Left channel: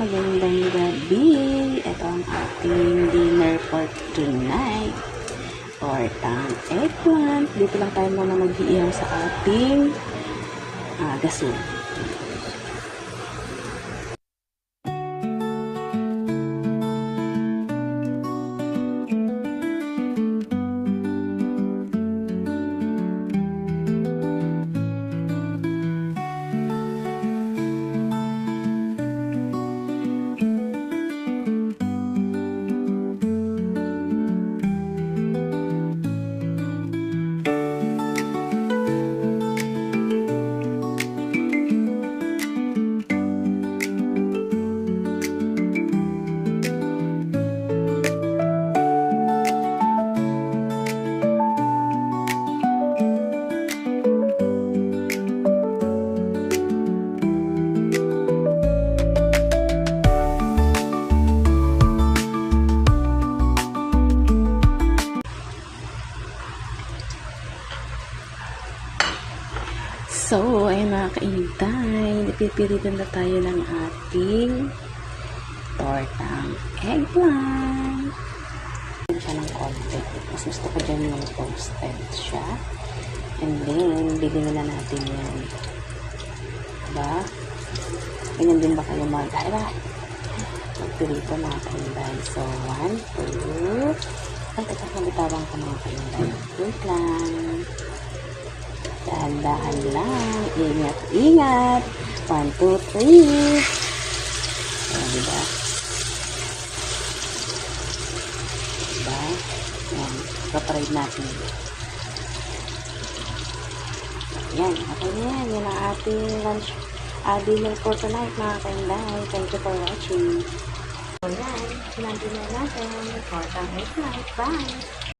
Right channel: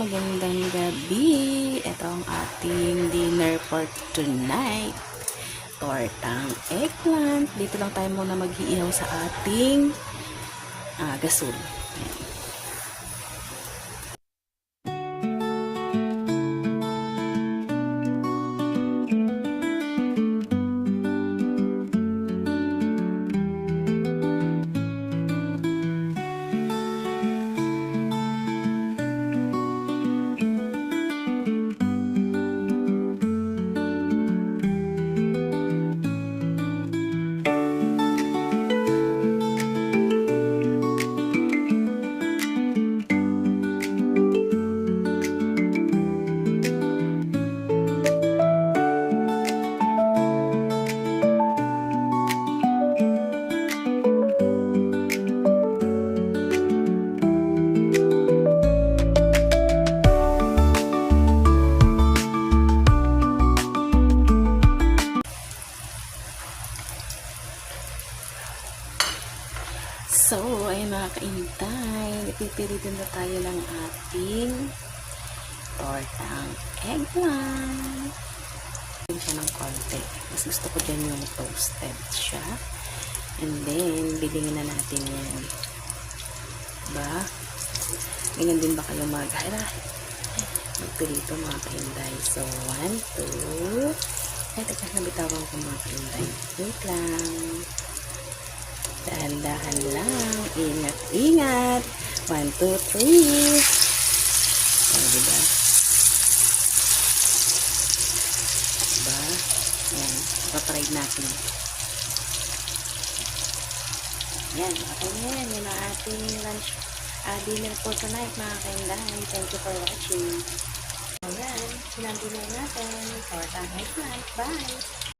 magandang gabi. Ito ang ating dinner for tonight. Tortang eggplant. Dito lang tayo muna mag-iihaw sa ating gasol. So, ayun mga kainday, pipilitan na tayo ng ating tortang eggplant. Ito ng konti. Mas gusto ko dyan yung toasted siya. And then, bibingin na natin yan. Diba? Ganyan din ba kayo mag-hala? Magpilito mga kainday. So, 1, 2. Ay, tapos nabitawan ko mga kainday. Wait lang. Dahan-dahan lang. Ingat-ingat. 1, 2, 3. Diba? Diba? Yan. Paparade natin. Yan. Okay na yan. Yan ang ating lunch. Dinner for tonight mga kainday. Thank you for watching. So yan. Sinantin na natin. Tortang eggplant. Bye!